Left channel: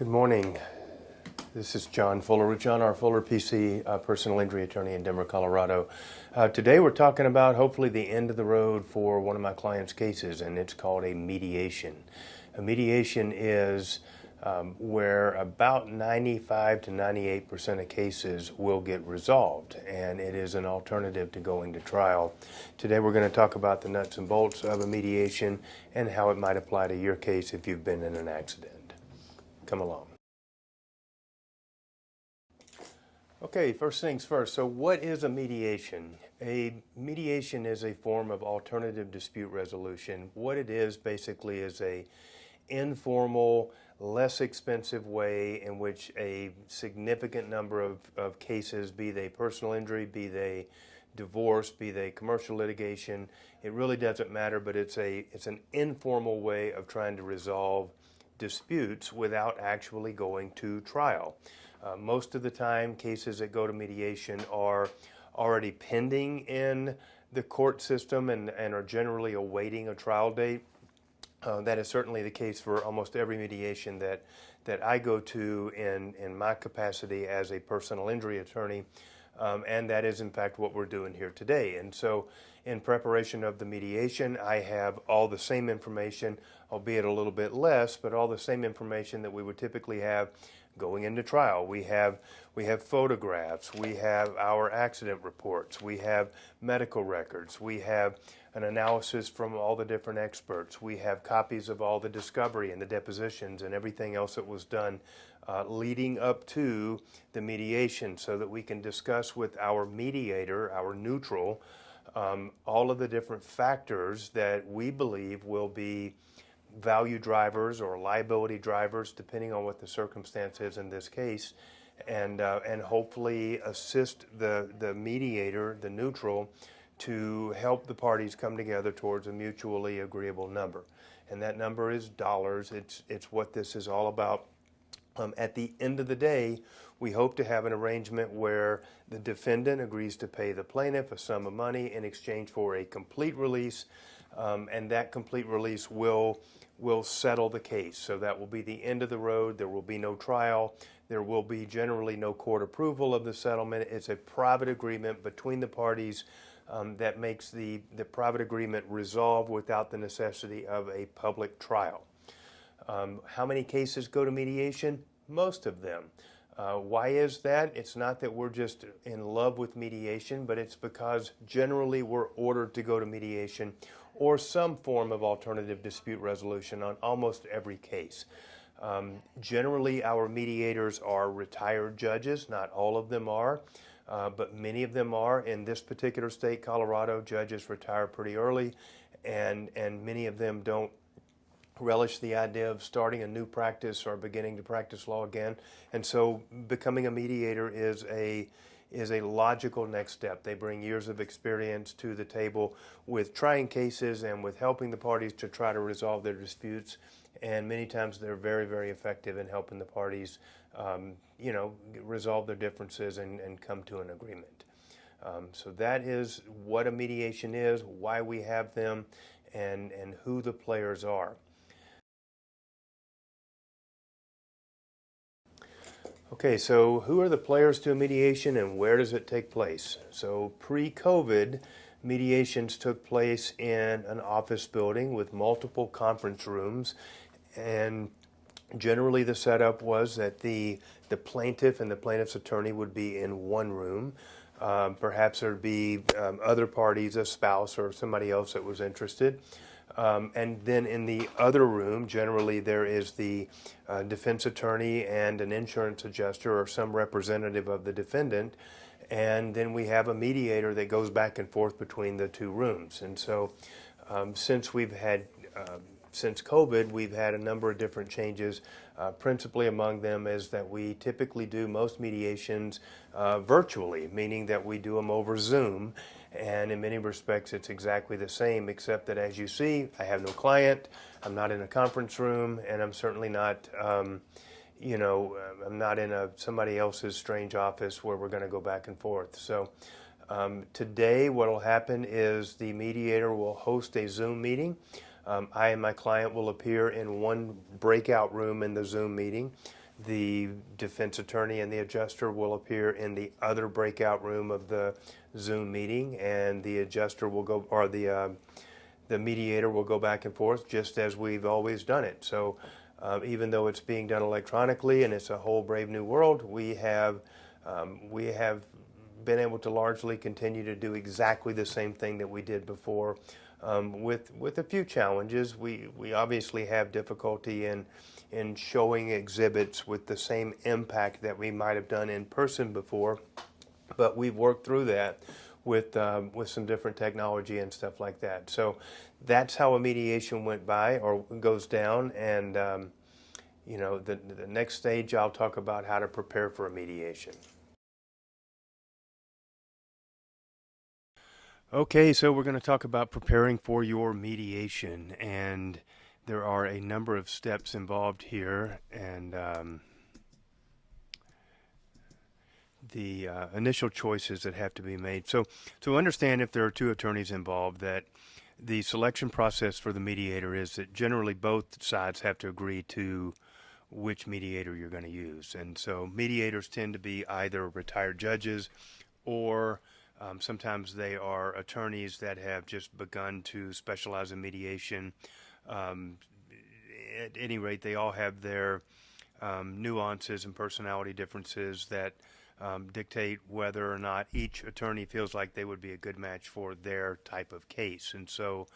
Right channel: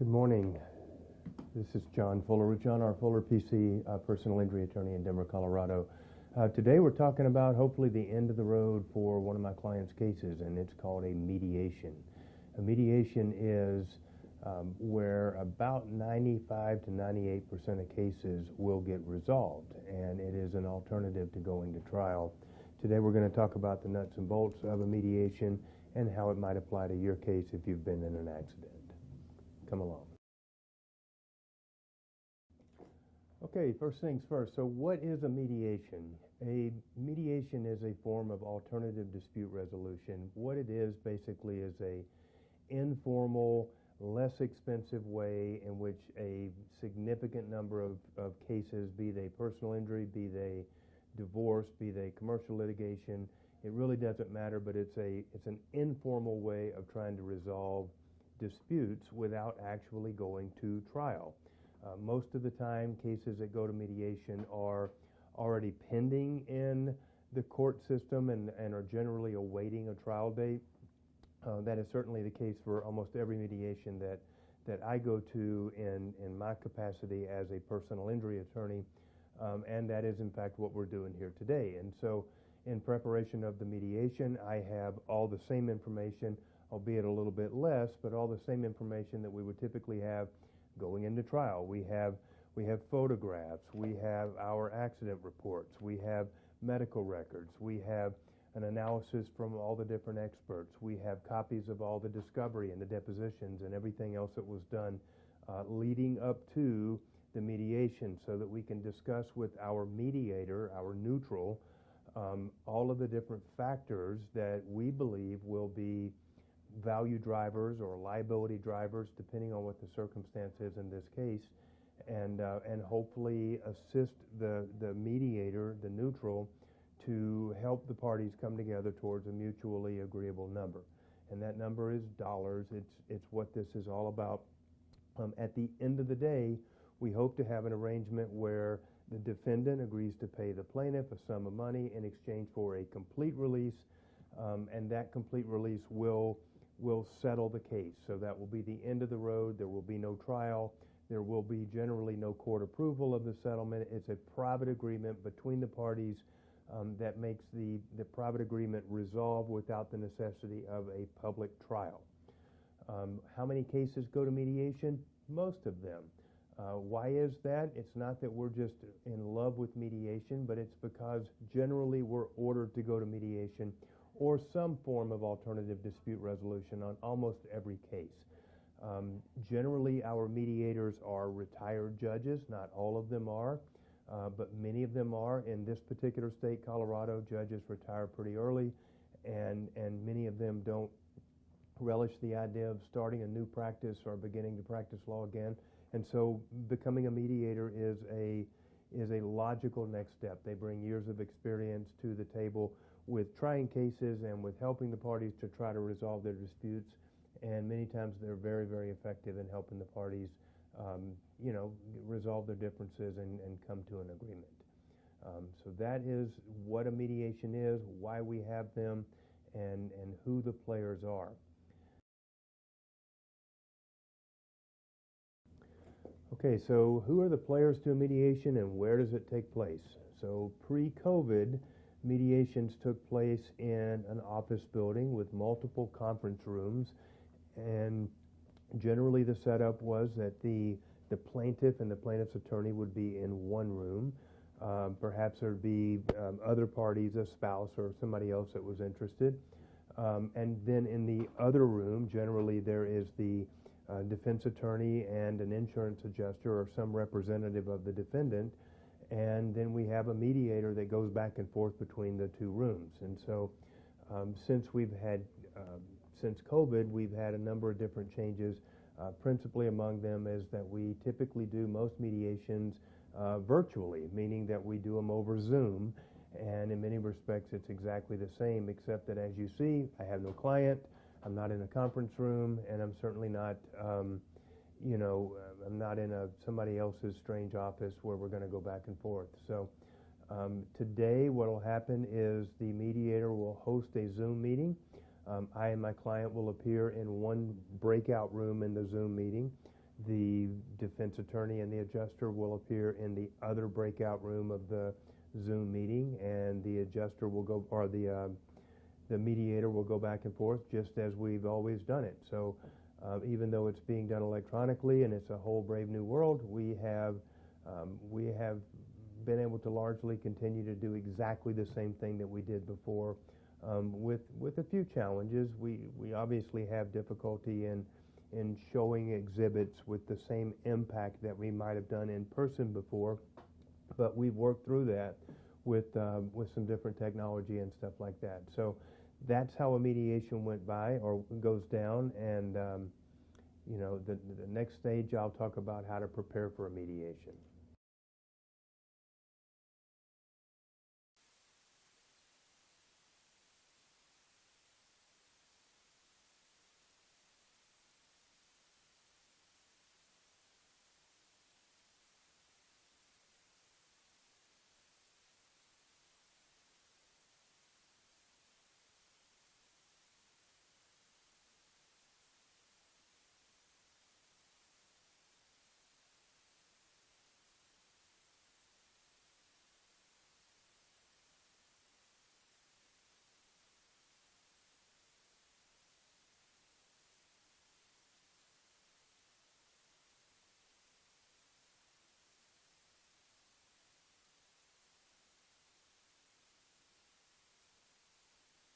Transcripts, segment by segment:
Good morning. This is John Fuller with John R. Fuller, PC, personal injury attorney in Denver, Colorado. Today we're talking about hopefully the end of the road for one of my clients' cases, and it's called a mediation. A mediation is where about 95 to 98% of cases will get resolved, and it is an alternative to going to trial. Today we're going to talk about the nuts and bolts of a mediation and how it might apply to your case if you've been in an accident. Come along. Okay, first things first. So what is a mediation? A mediation is a form of alternative dispute resolution. What it is basically is a informal, less expensive way in which a significant number of cases, be they personal injury, be they divorce, be they commercial litigation, it really doesn't matter, but it's an informal way of trying to resolve disputes without actually going to trial. Most of the time, cases that go to mediation are already pending in the court system and are generally awaiting a trial date. That is certainly the case for almost every mediation that I go to in my capacity as a personal injury attorney, and that is in fact what we're doing here today. And so in preparation of the mediation, I have all the same information, albeit a little bit less, but all the same information that we would typically have going into trial. We have photographs, we have our accident reports, we have medical records, we have an analysis from all the different experts, we have copies of all the discovery and the depositions and everything else that was done leading up to the mediation, so that we can discuss with our mediator, our neutral, all of the different factors that we believe will be value drivers or liability drivers, depending on what the circumstance is in this case, and hopefully assist the mediator, the neutral, to help the parties come together towards a mutually agreeable number. And that number is dollars. It's what this is all about. At the end of the day, we hope to have an arrangement where the defendant agrees to pay the plaintiff a sum of money in exchange for a complete release, and that complete release will settle the case. So that will be the end of the road. There will be no trial. There will be generally no court approval of the settlement. It's a private agreement between the parties that makes the private agreement resolve without the necessity of a public trial. How many cases go to mediation? Most of them. Why is that? It's not that we're just in love with mediation, but it's because generally we're ordered to go to mediation or some form of alternative dispute resolution on almost every case. Generally, our mediators are retired judges. Not all of them are, but many of them are. In this particular state, Colorado, judges retire pretty early, and many of them don't relish the idea of starting a new practice or beginning to practice law again. And so becoming a mediator is a logical next step. They bring years of experience to the table with trying cases and with helping the parties to try to resolve their disputes. And many times they're very, very effective in helping the parties, resolve their differences and come to an agreement. So that is what a mediation is, why we have them, and who the players are. Okay, so who are the players to a mediation and where does it take place? So pre-COVID, mediations took place in an office building with multiple conference rooms, and generally the setup was that the plaintiff and the plaintiff's attorney would be in one room. Perhaps there'd be other parties, a spouse or somebody else that was interested. And then in the other room, generally there is the defense attorney and an insurance adjuster or some representative of the defendant. And then we have a mediator that goes back and forth between the two rooms. And so since COVID, we've had a number of different changes. Principally among them is that we typically do most mediations virtually, meaning that we do them over Zoom. And in many respects, it's exactly the same, except that, as you see, I have no client, I'm not in a conference room, and I'm certainly not, I'm not in somebody else's strange office where we're going to go back and forth. So today, what will happen is the mediator will host a Zoom meeting. I and my client will appear in one breakout room in the Zoom meeting. The defense attorney and the adjuster will appear in the other breakout room of the Zoom meeting, and the adjuster will go, or the mediator will go back and forth just as we've always done it. So even though it's being done electronically and it's a whole brave new world, we have been able to largely continue to do exactly the same thing that we did before, with a few challenges. We obviously have difficulty in showing exhibits with the same impact that we might have done in person before, but we've worked through that with some different technology and stuff like that. So that's how a mediation went by or goes down, and the next stage I'll talk about how to prepare for a mediation. Okay, so we're going to talk about preparing for your mediation, and there are a number of steps involved here, and the initial choices that have to be made. So to understand, if there are two attorneys involved, that the selection process for the mediator is that generally both sides have to agree to which mediator you're going to use. And so mediators tend to be either retired judges or sometimes they are attorneys that have just begun to specialize in mediation. At any rate, they all have their nuances and personality differences that dictate whether or not each attorney feels like they would be a good match for their type of case. And so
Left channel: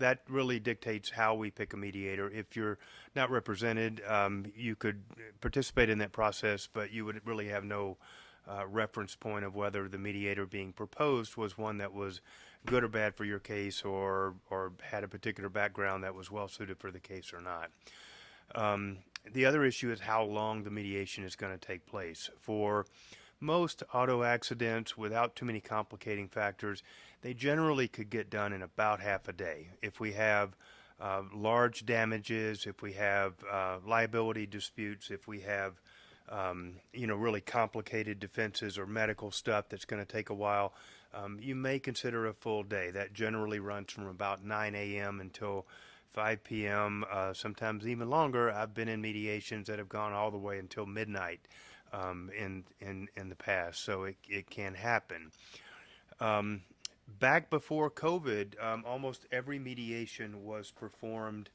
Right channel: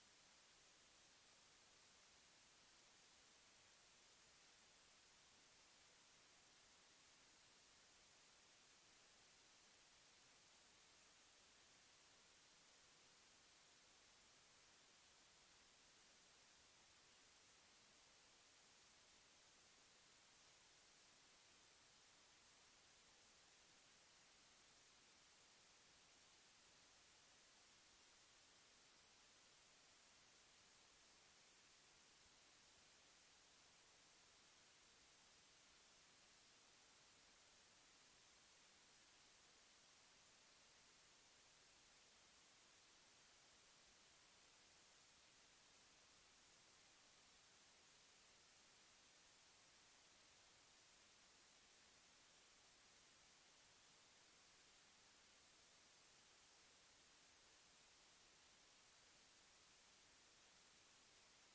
that really dictates how we pick a mediator. If you're not represented, you could participate in that process, but you would really have no reference point of whether the mediator being proposed was one that was good or bad for your case, or had a particular background that was well suited for the case or not. The other issue is how long the mediation is going to take place. For most auto accidents, without too many complicating factors, they generally could get done in about half a day. If we have large damages, if we have liability disputes, if we have really complicated defenses or medical stuff that's going to take a while, you may consider a full day. That generally runs from about 9 a.m. until 5 p.m., sometimes even longer. I've been in mediations that have gone all the way until midnight in the past, so it can happen. Back before COVID, almost every mediation was performed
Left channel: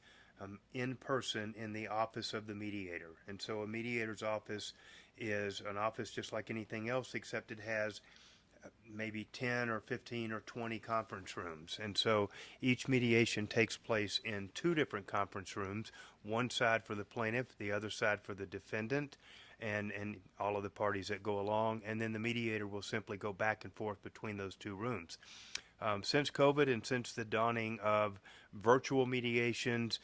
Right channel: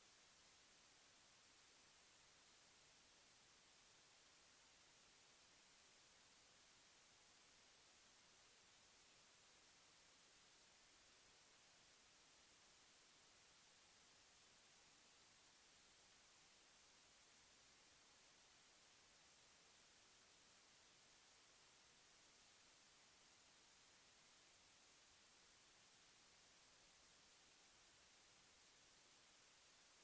in person in the office of the mediator. And so a mediator's office is an office just like anything else, except it has maybe 10 or 15 or 20 conference rooms. And so each mediation takes place in two different conference rooms, one side for the plaintiff, the other side for the defendant, and all of the parties that go along. And then the mediator will simply go back and forth between those two rooms. Since COVID and since the dawning of virtual mediations,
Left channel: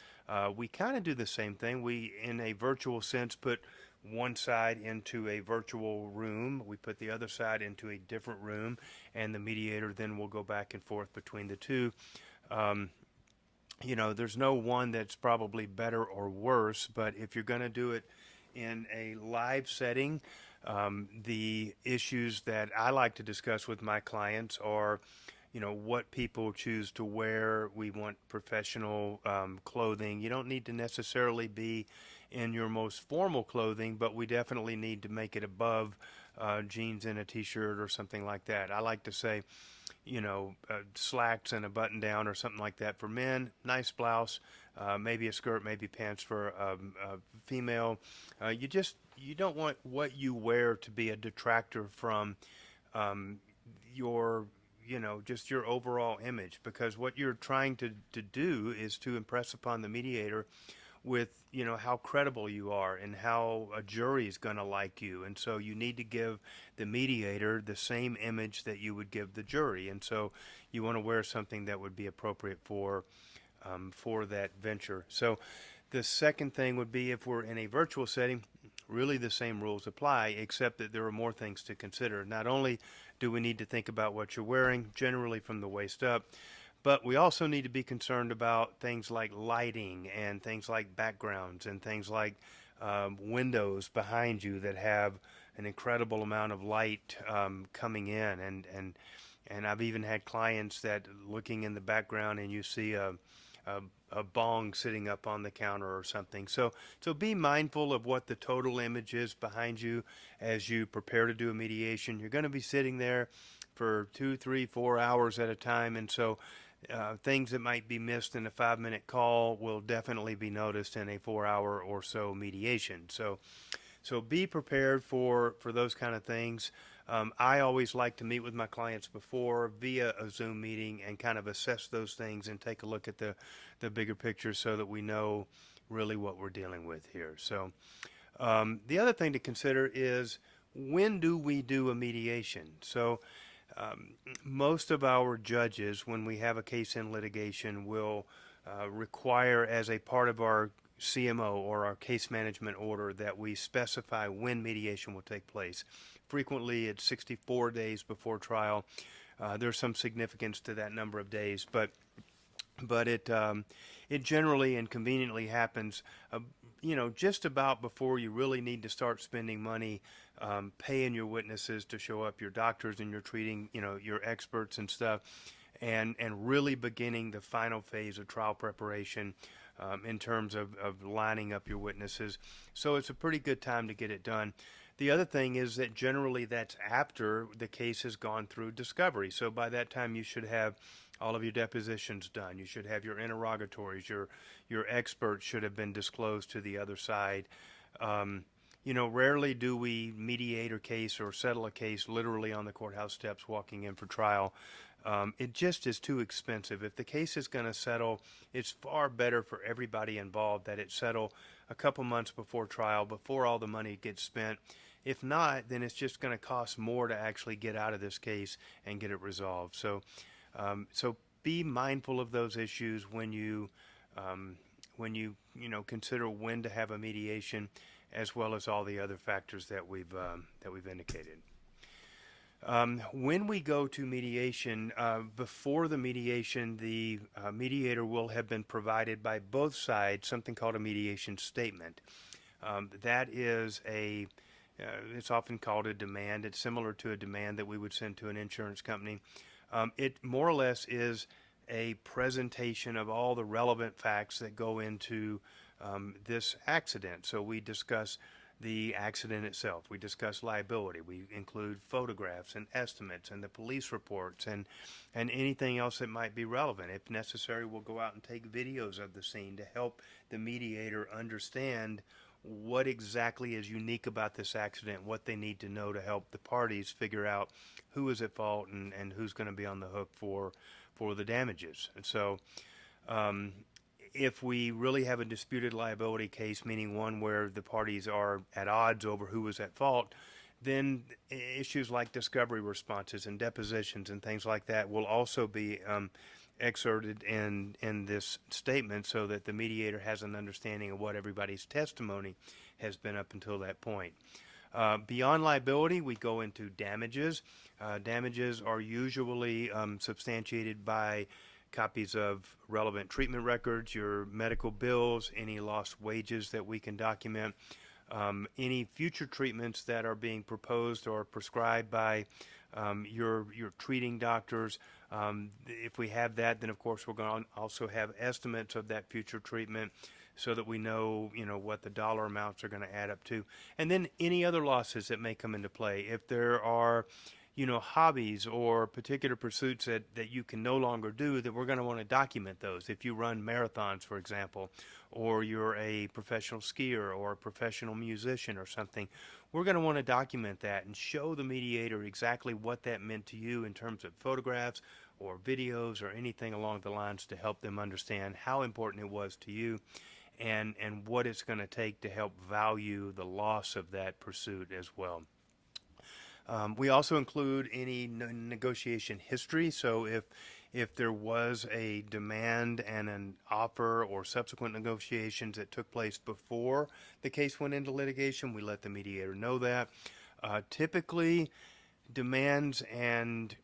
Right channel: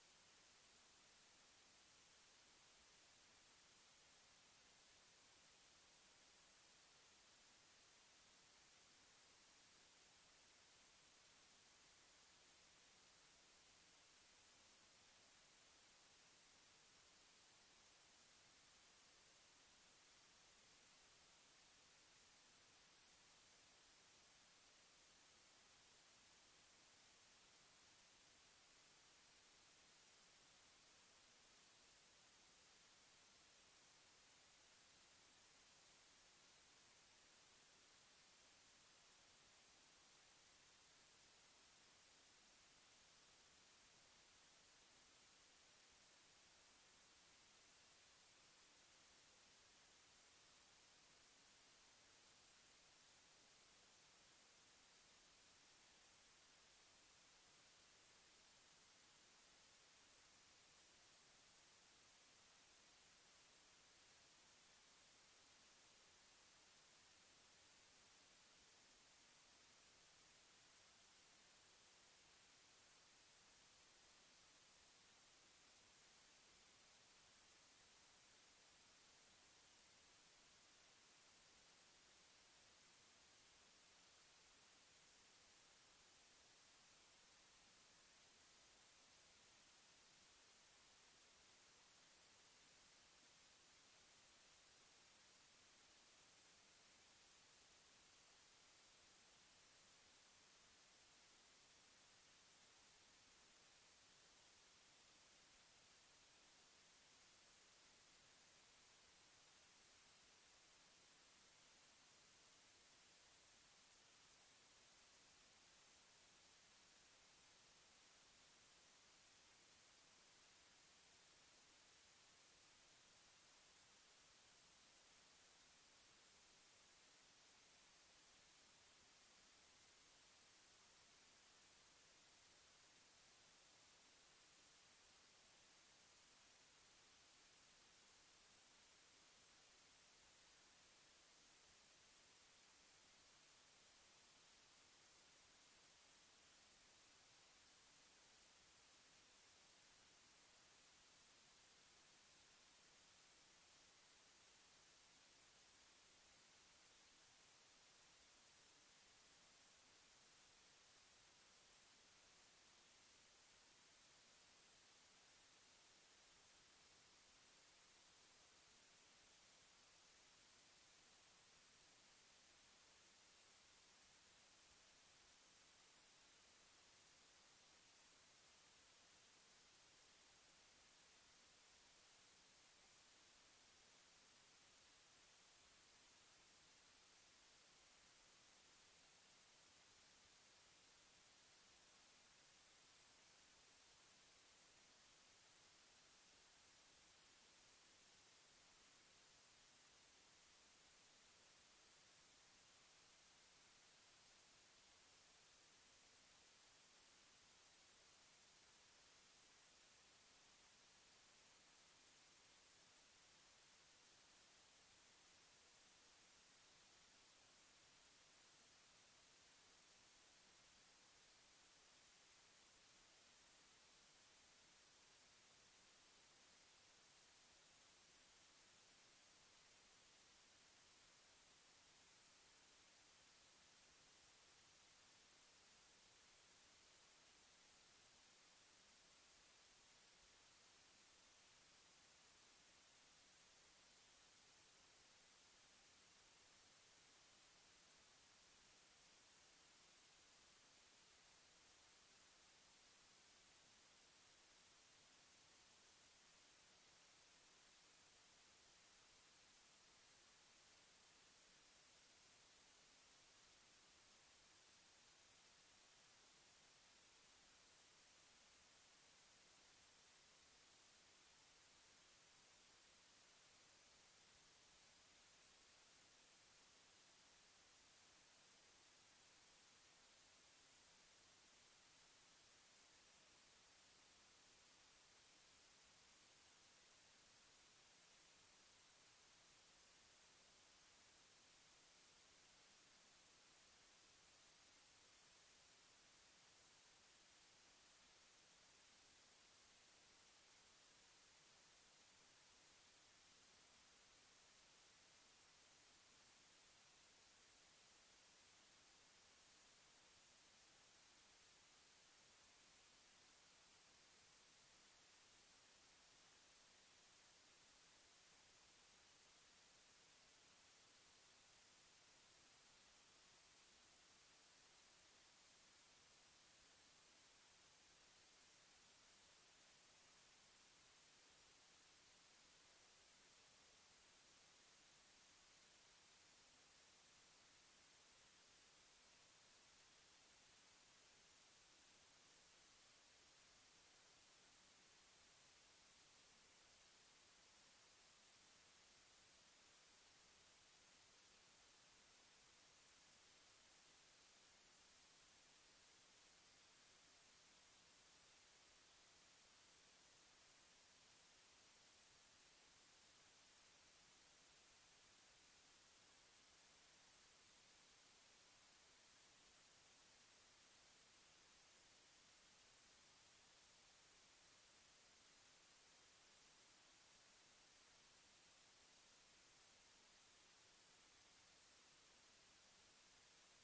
we kind of do the same thing. We, in a virtual sense, put one side into a virtual room, we put the other side into a different room, and the mediator then will go back and forth between the two. There's no one that's probably better or worse, but if you're going to do it in a live setting, the issues that I like to discuss with my clients are what people choose to wear. We want professional clothing. You don't need to necessarily be in your most formal clothing, but we definitely need to make it above jeans and a t-shirt or something like that. I like to say, slacks and a button down or something like that for men, nice blouse, maybe a skirt, maybe pants for a female. You don't want what you wear to be a detractor from your just your overall image, because what you're trying to do is to impress upon the mediator with how credible you are and how a jury is going to like you. And so you need to give the mediator the same image that you would give the jury, and so you want to wear something that would be appropriate for that venture. So the second thing would be, if we're in a virtual setting, really the same rules apply, except that there are more things to consider. Not only do we need to think about what you're wearing, generally from the waist up, but we also need to be concerned about things like lighting and things like backgrounds and things like windows behind you that have an incredible amount of light coming in. And I've even had clients that, looking in the background, and you see a a bong sitting up on the counter or something. So be mindful of what the total image is behind you as you prepare to do a mediation. You're going to be sitting there for 2, 3, 4 hours at a time, and so things that might be missed in a 5-minute call will definitely be noticed in a 4-hour or so mediation. So be prepared for those kind of things. I always like to meet with my clients before via a Zoom meeting and kind of assess those things and take a look at the bigger picture so that we know really what we're dealing with here. So the other thing to consider is, when do we do a mediation? So most of our judges, when we have a case in litigation, will require as a part of our CMO or our case management order that we specify when mediation will take place. Frequently, it's 64 days before trial. There's some significance to that number of days, but it generally and conveniently happens, just about before you really need to start spending money, paying your witnesses to show up, your doctors and your treating, your experts and stuff, and really beginning the final phase of trial preparation in terms of lining up your witnesses. So it's a pretty good time to get it done. The other thing is that generally that's after the case has gone through discovery. So by that time you should have all of your depositions done. You should have your interrogatories. Your experts should have been disclosed to the other side. Rarely do we mediate a case or settle a case literally on the courthouse steps walking in for trial. It just is too expensive. If the case is going to settle, it's far better for everybody involved that it settle a couple months before trial, before all the money gets spent. If not, then it's just going to cost more to actually get out of this case and get it resolved. So be mindful of those issues when you consider when to have a mediation, as well as all the other factors that we've indicated. When we go to mediation, before the mediation, the mediator will have been provided by both sides something called a mediation statement. That is it's often called a demand. It's similar to a demand that we would send to an insurance company. It more or less is a presentation of all the relevant facts that go into this accident. So we discuss the accident itself. We discuss liability. We include photographs and estimates and the police reports and anything else that might be relevant. If necessary, we'll go out and take videos of the scene to help the mediator understand what exactly is unique about this accident, what they need to know to help the parties figure out who is at fault and who's going to be on the hook for the damages. And so if we really have a disputed liability case, meaning one where the parties are at odds over who was at fault, then issues like discovery responses and depositions and things like that will also be excerpted in this statement so that the mediator has an understanding of what everybody's testimony has been up until that point. Beyond liability, we go into damages. Damages are usually substantiated by copies of relevant treatment records, your medical bills, any lost wages that we can document, any future treatments that are being proposed or prescribed by your treating doctors. If we have that, then of course we're going to also have estimates of that future treatment so that we know, what the dollar amounts are going to add up to. And then any other losses that may come into play. If there are hobbies or particular pursuits that you can no longer do, that we're going to want to document those. If you run marathons, for example, or you're a professional skier or a professional musician or something, we're going to want to document that and show the mediator exactly what that meant to you in terms of photographs or videos or anything along the lines to help them understand how important it was to you and what it's going to take to help value the loss of that pursuit as well. We also include any negotiation history. So if there was a demand and an offer or subsequent negotiations that took place before the case went into litigation, we let the mediator know that. Typically, demands and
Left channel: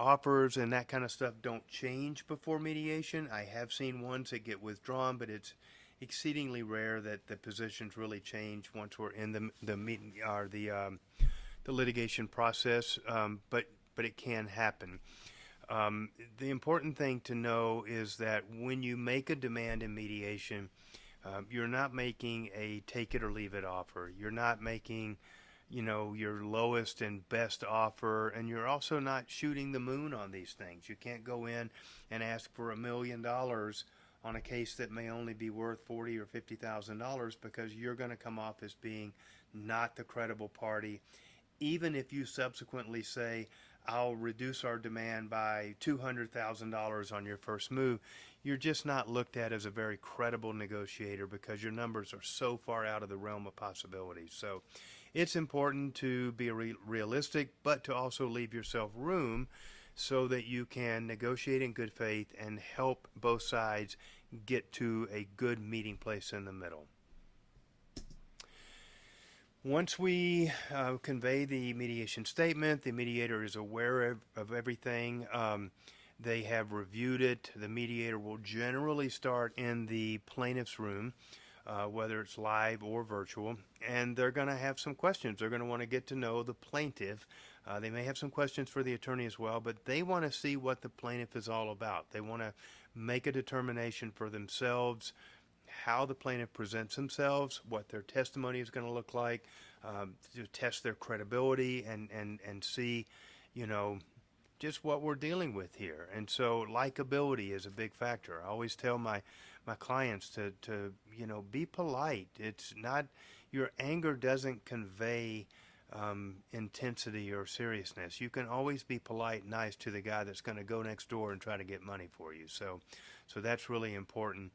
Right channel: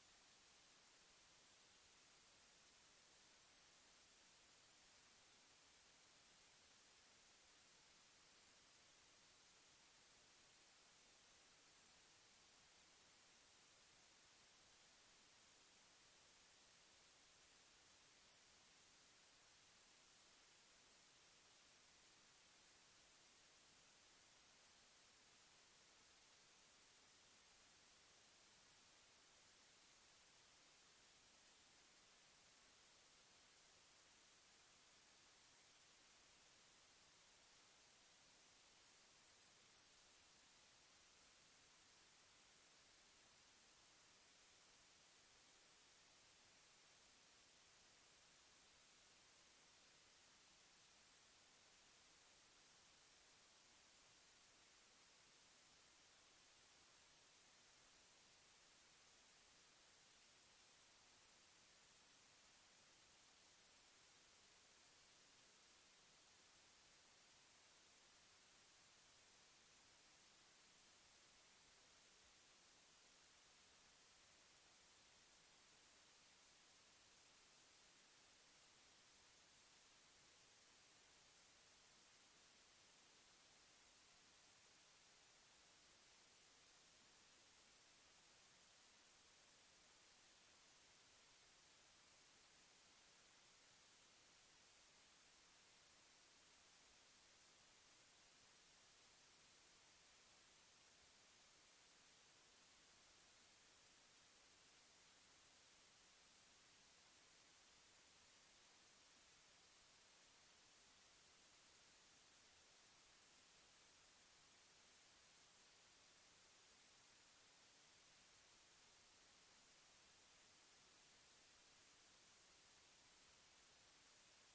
offers and that kind of stuff don't change before mediation. I have seen ones that get withdrawn, but it's exceedingly rare that the positions really change once we're in the meeting or the litigation process, but it can happen. The important thing to know is that when you make a demand in mediation, you're not making a take it or leave it offer. You're not making, your lowest and best offer, and you're also not shooting the moon on these things. You can't go in and ask for $1 million on a case that may only be worth $40,000 or $50,000 because you're going to come off as being not the credible party. Even if you subsequently say, I'll reduce our demand by $200,000 on your first move, you're just not looked at as a very credible negotiator because your numbers are so far out of the realm of possibilities. So it's important to be realistic, but to also leave yourself room so that you can negotiate in good faith and help both sides get to a good meeting place in the middle. Once we convey the mediation statement, the mediator is aware of everything. They have reviewed it. The mediator will generally start in the plaintiff's room, whether it's live or virtual, and they're going to have some questions. They're going to want to get to know the plaintiff. They may have some questions for the attorney as well, but they want to see what the plaintiff is all about. They want to make a determination for themselves how the plaintiff presents themselves, what their testimony is going to look like, to test their credibility and see, just what we're dealing with here. And so likability is a big factor. I always tell my clients to be polite. It's not, your anger doesn't convey intensity or seriousness. You can always be polite and nice to the guy that's going to go next door and try to get money for you. So that's really important.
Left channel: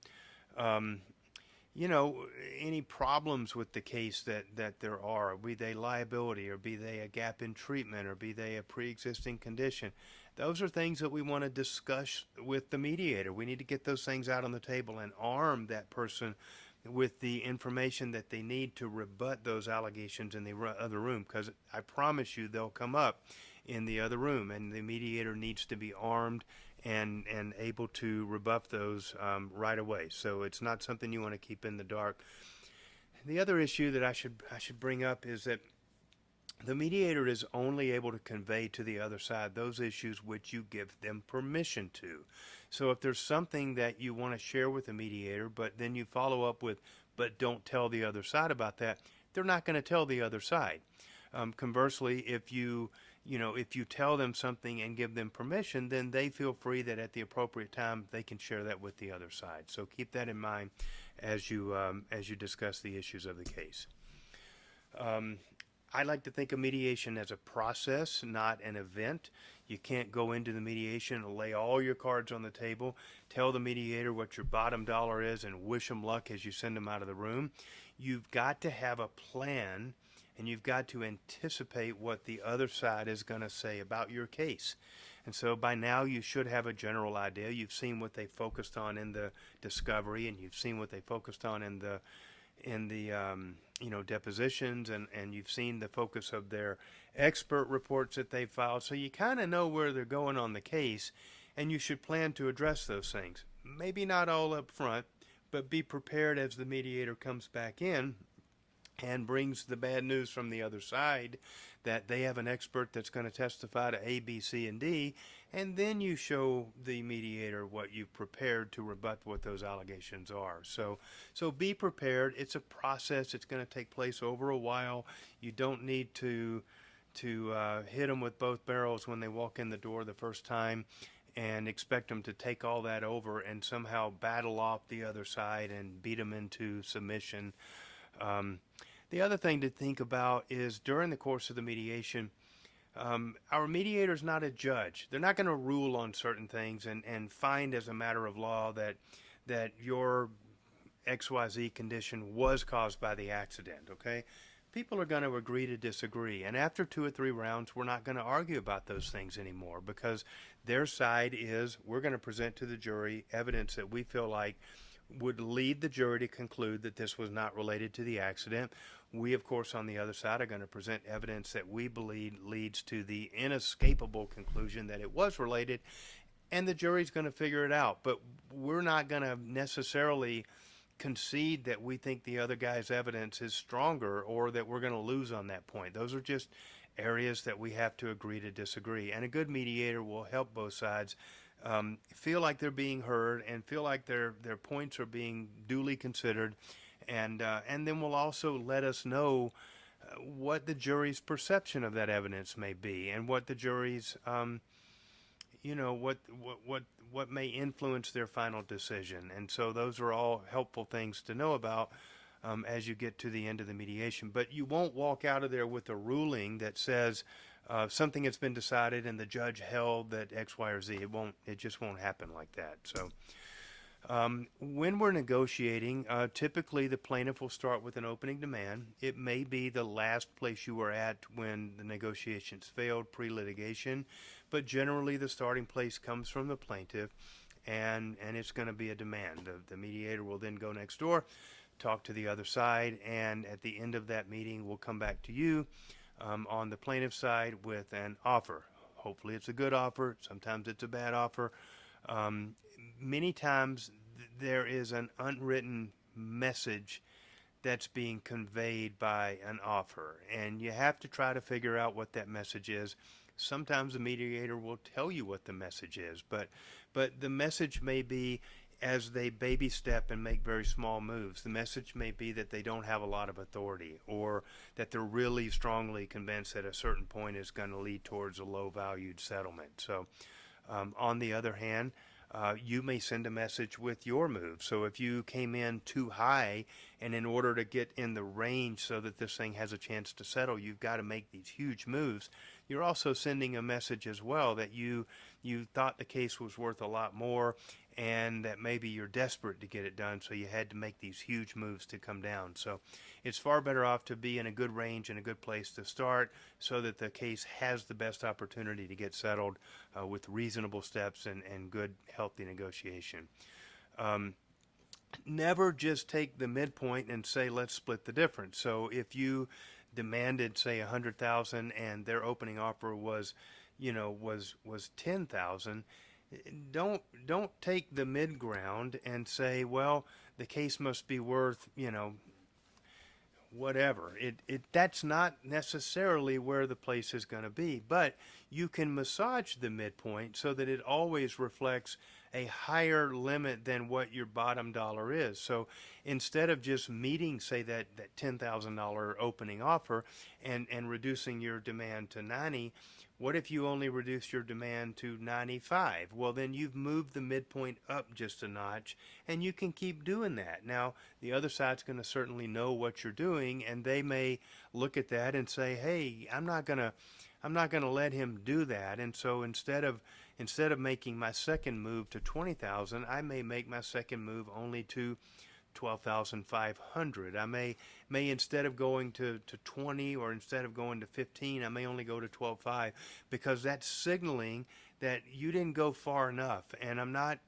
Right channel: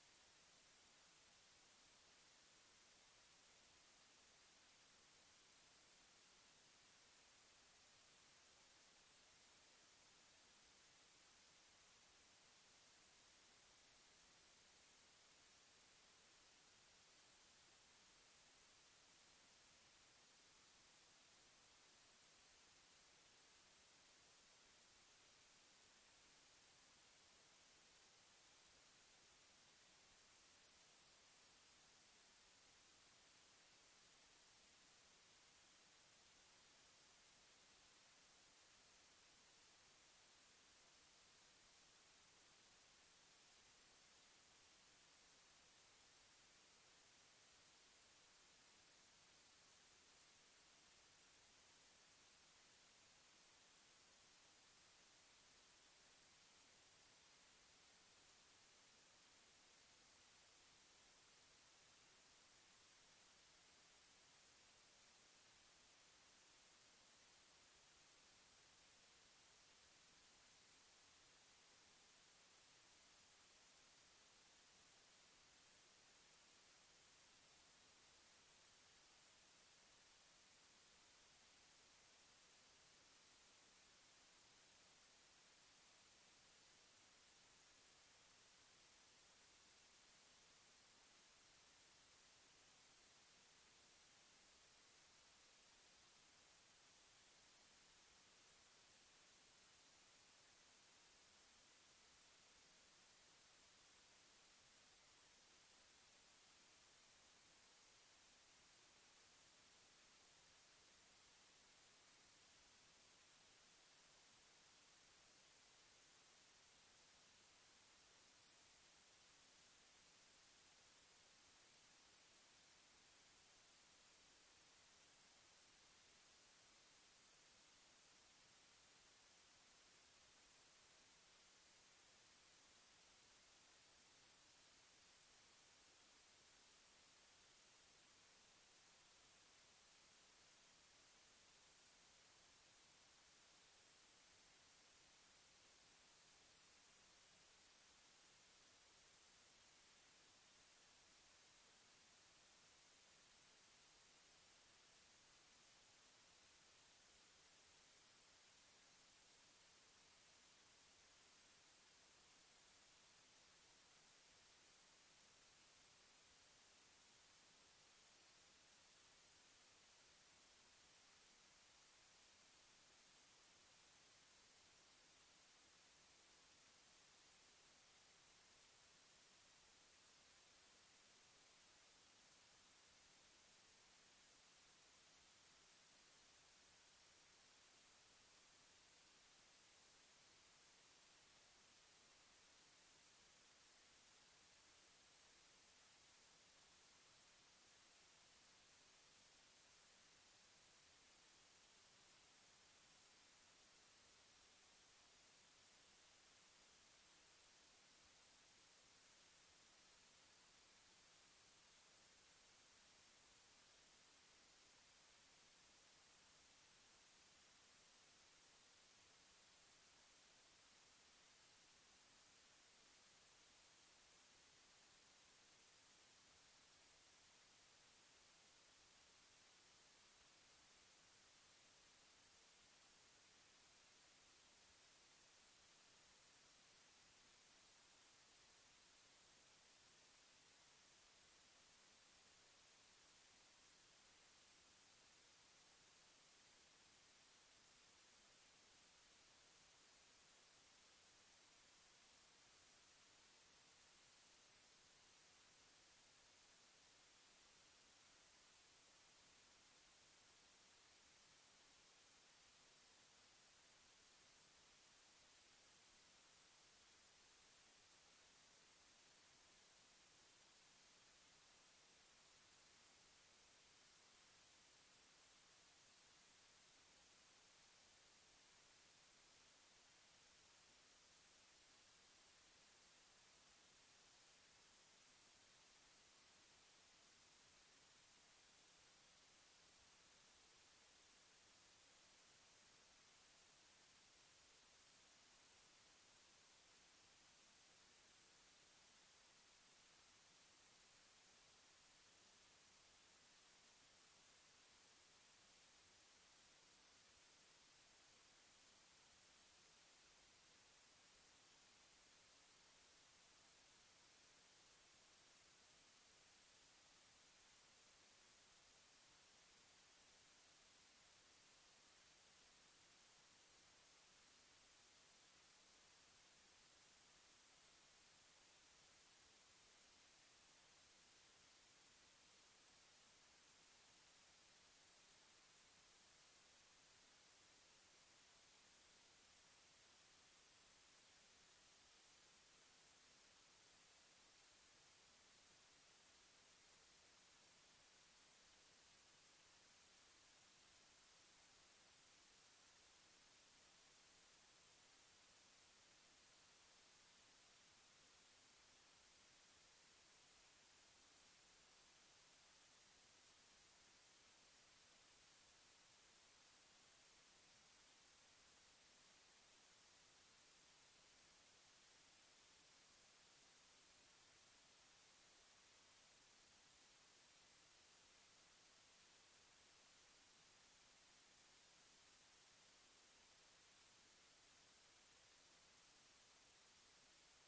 Any problems with the case that there are, be they liability or be they a gap in treatment or be they a pre-existing condition, those are things that we want to discuss with the mediator. We need to get those things out on the table and arm that person with the information that they need to rebut those allegations in the other room, because I promise you they'll come up in the other room, and the mediator needs to be armed and able to rebuff those right away. So it's not something you want to keep in the dark. The other issue that I should bring up is that the mediator is only able to convey to the other side those issues which you give them permission to. So if there's something that you want to share with the mediator, but then you follow up with, but don't tell the other side about that, they're not going to tell the other side. Conversely, if you tell them something and give them permission, then they feel free that at the appropriate time they can share that with the other side. So keep that in mind as you discuss the issues of the case. I like to think of mediation as a process, not an event. You can't go into the mediation and lay all your cards on the table, tell the mediator what your bottom dollar is, and wish them luck as you send them out of the room. You've got to have a plan, and you've got to anticipate what the other side is going to say about your case. And so by now you should have a general idea. You've seen what they focused on in the discovery, and you've seen what they focused on in the depositions, and you've seen the focus of their expert reports that they filed. So you kind of know where they're going on the case, and you should plan to address those things. Maybe not all up front, but be prepared as the mediator comes back in and brings the bad news from the other side that they have an expert that's going to testify to A, B, C, and D, and then you show the mediator what you've prepared to rebut what those allegations are. So be prepared. It's a process. It's going to take place over a while. You don't need to hit them with both barrels when they walk in the door the first time and expect them to take all that over and somehow battle off the other side and beat them into submission. The other thing to think about is during the course of the mediation, our mediator is not a judge. They're not going to rule on certain things and find as a matter of law that your XYZ condition was caused by the accident, okay? People are going to agree to disagree. And after 2 or 3 rounds, we're not going to argue about those things anymore, because their side is, we're going to present to the jury evidence that we feel like would lead the jury to conclude that this was not related to the accident. We, of course, on the other side are going to present evidence that we believe leads to the inescapable conclusion that it was related, and the jury's going to figure it out. But we're not going to necessarily concede that we think the other guy's evidence is stronger or that we're going to lose on that point. Those are just areas that we have to agree to disagree. And a good mediator will help both sides feel like they're being heard and feel like their points are being duly considered, and then will also let us know what the jury's perception of that evidence may be, and what the jury's what may influence their final decision. And so those are all helpful things to know about as you get to the end of the mediation. But you won't walk out of there with a ruling that says something has been decided and the judge held that X, Y, or Z. It just won't happen like that. So when we're negotiating, typically the plaintiff will start with an opening demand. It may be the last place you were at when the negotiations failed pre-litigation, but generally the starting place comes from the plaintiff, and it's going to be a demand. The mediator will then go next door, talk to the other side, and at the end of that meeting we'll come back to you on the plaintiff's side with an offer. Hopefully it's a good offer. Sometimes it's a bad offer. Many times there is an unwritten message that's being conveyed by an offer, and you have to try to figure out what that message is. Sometimes the mediator will tell you what the message is, but the message may be, as they baby step and make very small moves, the message may be that they don't have a lot of authority, or that they're really strongly convinced that a certain point is going to lead towards a low-valued settlement. So on the other hand, you may send a message with your move. So if you came in too high, and in order to get in the range so that this thing has a chance to settle, you've got to make these huge moves, you're also sending a message as well that you thought the case was worth a lot more, and that maybe you're desperate to get it done, so you had to make these huge moves to come down. So it's far better off to be in a good range and a good place to start, so that the case has the best opportunity to get settled with reasonable steps and good, healthy negotiation. Never just take the midpoint and say, let's split the difference. So if you demanded, say, $100,000 and their opening offer was $10,000, don't take the mid ground and say, well, the case must be worth, whatever. That's not necessarily where the place is going to be, but you can massage the midpoint so that it always reflects a higher limit than what your bottom dollar is. So instead of just meeting, say, that $10,000 opening offer and reducing your demand to 90, what if you only reduce your demand to 95? Well, then you've moved the midpoint up just a notch, and you can keep doing that. Now, the other side's going to certainly know what you're doing, and they may look at that and say, hey, I'm not going to let him do that. And so instead of making my second move to 20,000, I may make my second move only to 12,500. I may instead of going to 20, or instead of going to 15, I may only go to 12.5, because that's signaling that you didn't go far enough. And I'm not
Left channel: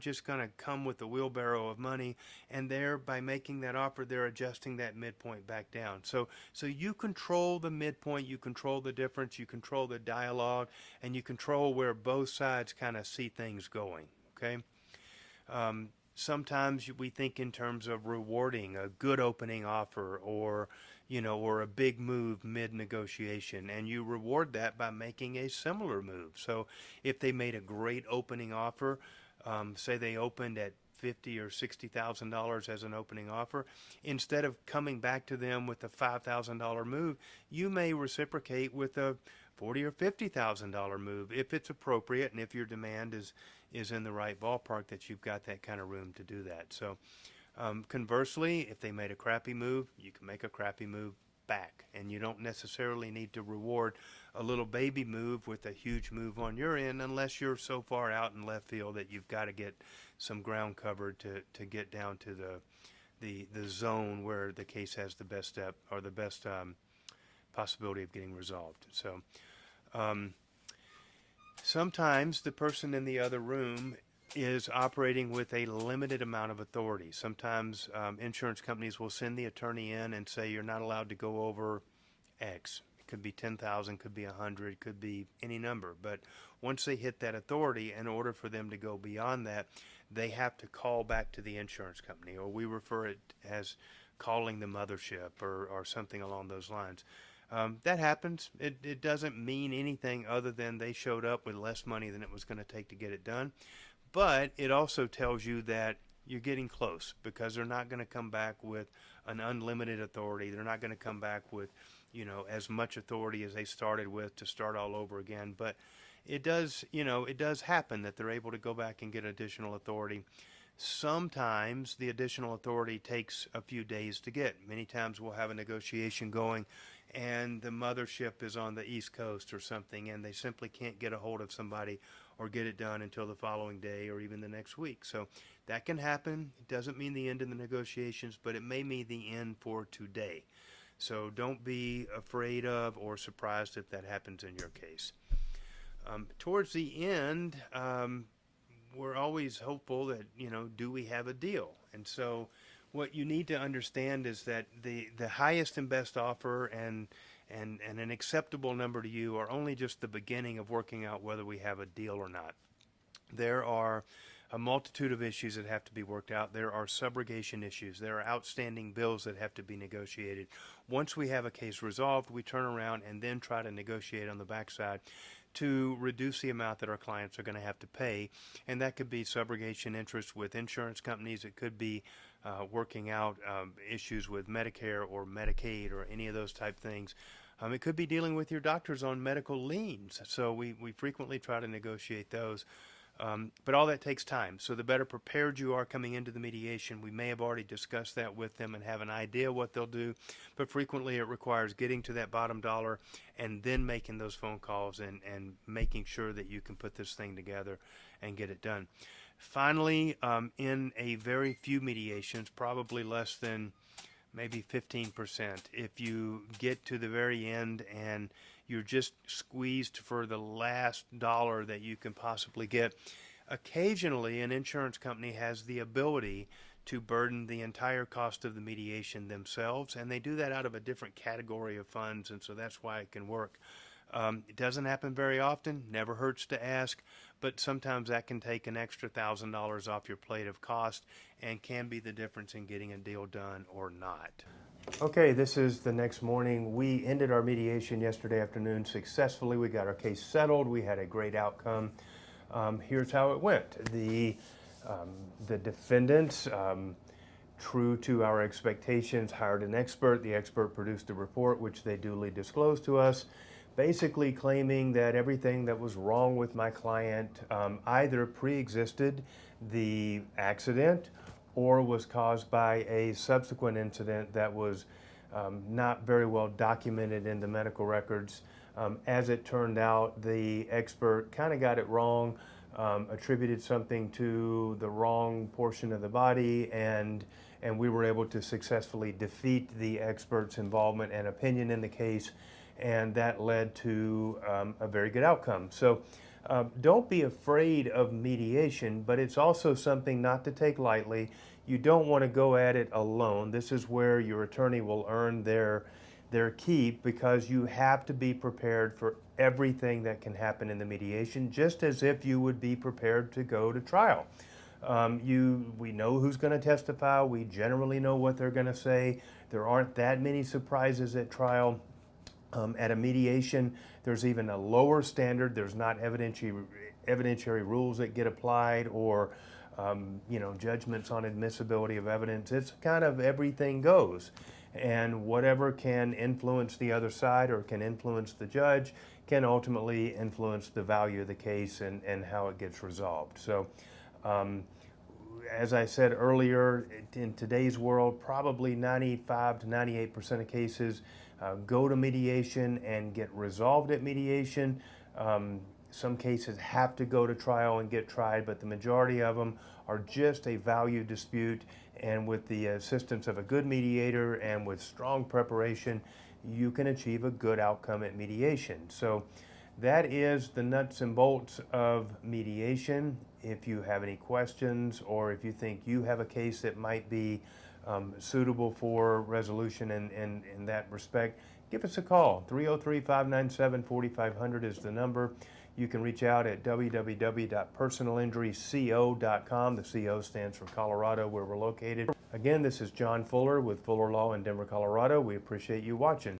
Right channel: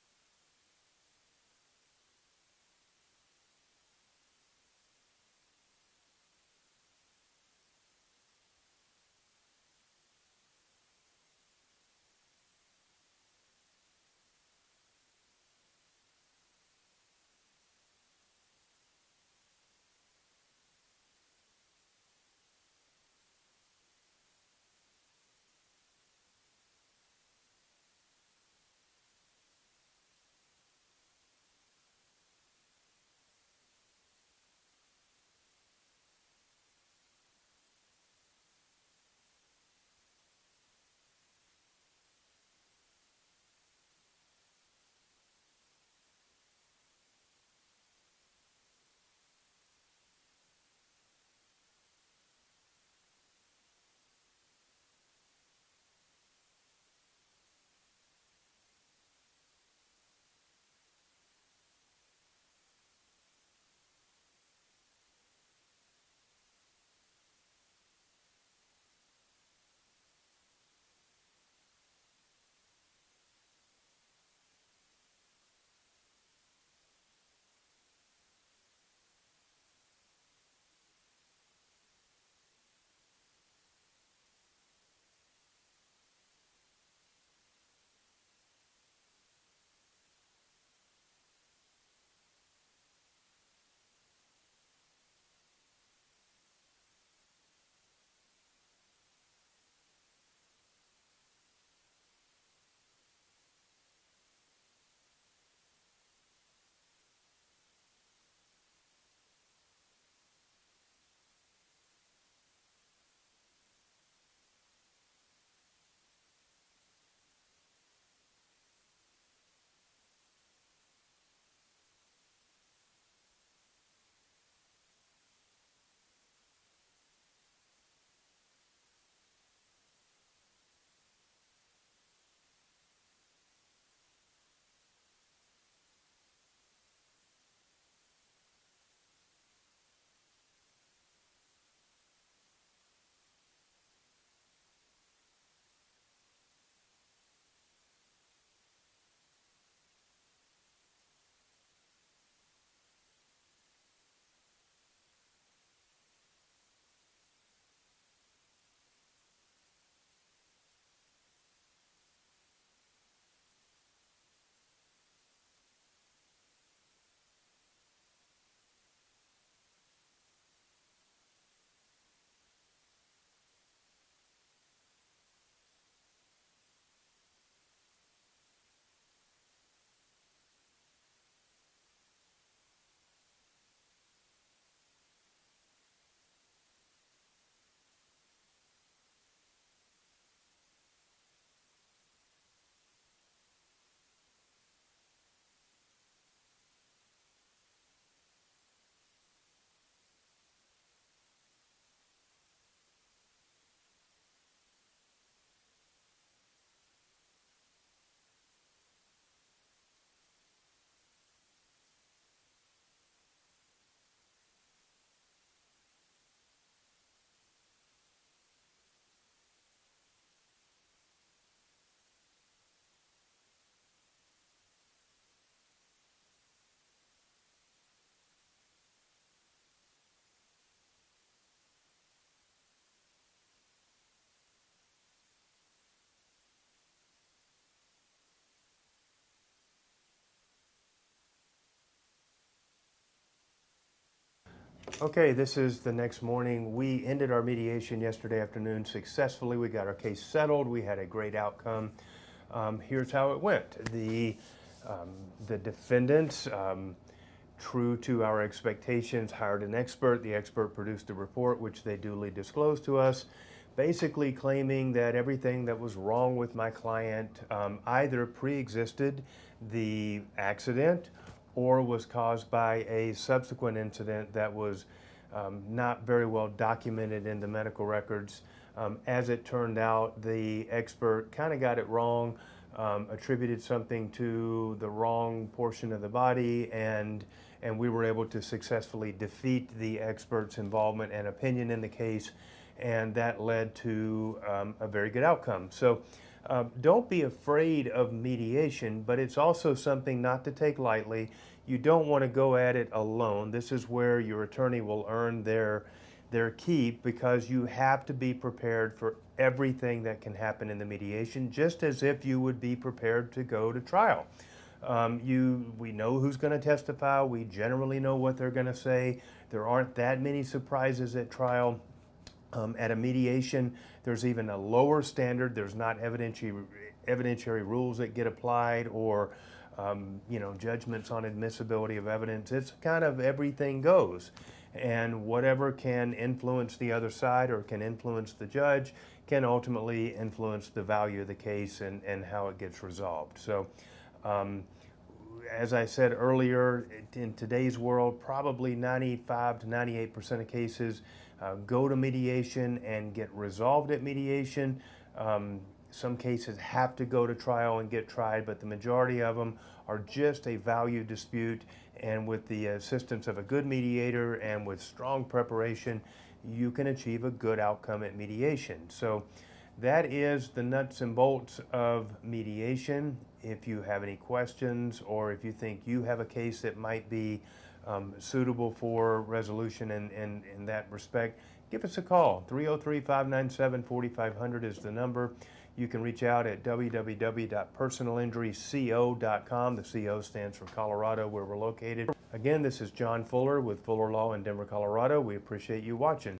just going to come with a wheelbarrow of money, and by making that offer, they're adjusting that midpoint back down. So you control the midpoint, you control the difference, you control the dialogue, and you control where both sides kind of see things going. Okay. Sometimes we think in terms of rewarding a good opening offer, or a big move mid-negotiation, and you reward that by making a similar move. So if they made a great opening offer, say they opened at $50,000 or $60,000 as an opening offer, instead of coming back to them with a $5,000 move, you may reciprocate with a $40,000 or $50,000 move if it's appropriate, and if your demand is in the right ballpark, that you've got that kind of room to do that. So conversely, if they made a crappy move, you can make a crappy move back, and you don't necessarily need to reward a little baby move with a huge move on your end, unless you're so far out in left field that you've got to get some ground covered to get down to the zone where the case has the best step, or the best possibility of getting resolved. So sometimes the person in the other room is operating with a limited amount of authority. Sometimes insurance companies will send the attorney in and say, you're not allowed to go over X. It could be 10,000, could be 100, could be any number. But once they hit that authority, in order for them to go beyond that, they have to call back to the insurance company, or we refer it as calling the mothership, or something along those lines. That happens. It doesn't mean anything other than they showed up with less money than it was going to take to get it done. But it also tells you that you're getting close, because they're not going to come back with an unlimited authority. They're not going to come back with, as much authority as they started with to start all over again. But it does, it does happen that they're able to go back and get additional authority. Sometimes the additional authority takes a few days to get. Many times we'll have a negotiation going and the mothership is on the East Coast or something, and they simply can't get a hold of somebody or get it done until the following day or even the next week. So that can happen. It doesn't mean the end of the negotiations, but it may mean the end for today. So don't be afraid of or surprised if that happens in your case. Towards the end, we're always hopeful that, do we have a deal? And so what you need to understand is that the highest and best offer and an acceptable number to you are only just the beginning of working out whether we have a deal or not. There are a multitude of issues that have to be worked out. There are subrogation issues. There are outstanding bills that have to be negotiated. Once we have a case resolved, we turn around and then try to negotiate on the backside to reduce the amount that our clients are going to have to pay. And that could be subrogation interest with insurance companies. It could be working out issues with Medicare or Medicaid or any of those type things. It could be dealing with your doctors on medical liens. So we frequently try to negotiate those. But all that takes time. So the better prepared you are coming into the mediation, we may have already discussed that with them and have an idea what they'll do. But frequently it requires getting to that bottom dollar and then making those phone calls and making sure that you can put this thing together and get it done. Finally, in a very few mediations, probably less than maybe 15%, if you get to the very end and you're just squeezed for the last dollar that you can possibly get, occasionally an insurance company has the ability to burden the entire cost of the mediation themselves, and they do that out of a different category of funds, and so that's why it can work. It doesn't happen very often, never hurts to ask, but sometimes that can take an extra $1,000 off your plate of cost and can be the difference in getting a deal done or not. Okay, this is the next morning. We ended our mediation yesterday afternoon successfully. We got our case settled. We had a great outcome. Here's how it went. The defendants, true to our expectations, hired an expert. The expert produced a report, which they duly disclosed to us, basically claiming that everything that was wrong with my client either pre-existed the accident or was caused by a subsequent incident that was not very well documented in the medical records. As it turned out, the expert kind of got it wrong, attributed something to the wrong portion of the body, and we were able to successfully defeat the expert's involvement and opinion in the case, and that led to a very good outcome. So don't be afraid of mediation, but it's also something not to take lightly. You don't want to go at it alone. This is where your attorney will earn their keep, because you have to be prepared for everything that can happen in the mediation, just as if you would be prepared to go to trial. We know who's going to testify. We generally know what they're going to say. There aren't that many surprises at trial. At a mediation, there's even a lower standard. There's not evidentiary rules that get applied or judgments on admissibility of evidence. It's kind of everything goes. And whatever can influence the other side or can influence the judge can ultimately influence the value of the case and how it gets resolved. So as I said earlier, in today's world, probably 95 to 98% of cases go to mediation and get resolved at mediation. Some cases have to go to trial and get tried, but the majority of them are just a value dispute. And with the assistance of a good mediator and with strong preparation, you can achieve a good outcome at mediation. So that is the nuts and bolts of mediation. If you have any questions, or if you think you have a case that might be suitable for resolution in that respect, give us a call. 303-597-4500 is the number. You can reach out at www.personalinjuryco.com. The CO stands for Colorado, where we're located. Again, this is John Fuller with Fuller Law in Denver, Colorado. We appreciate you watching.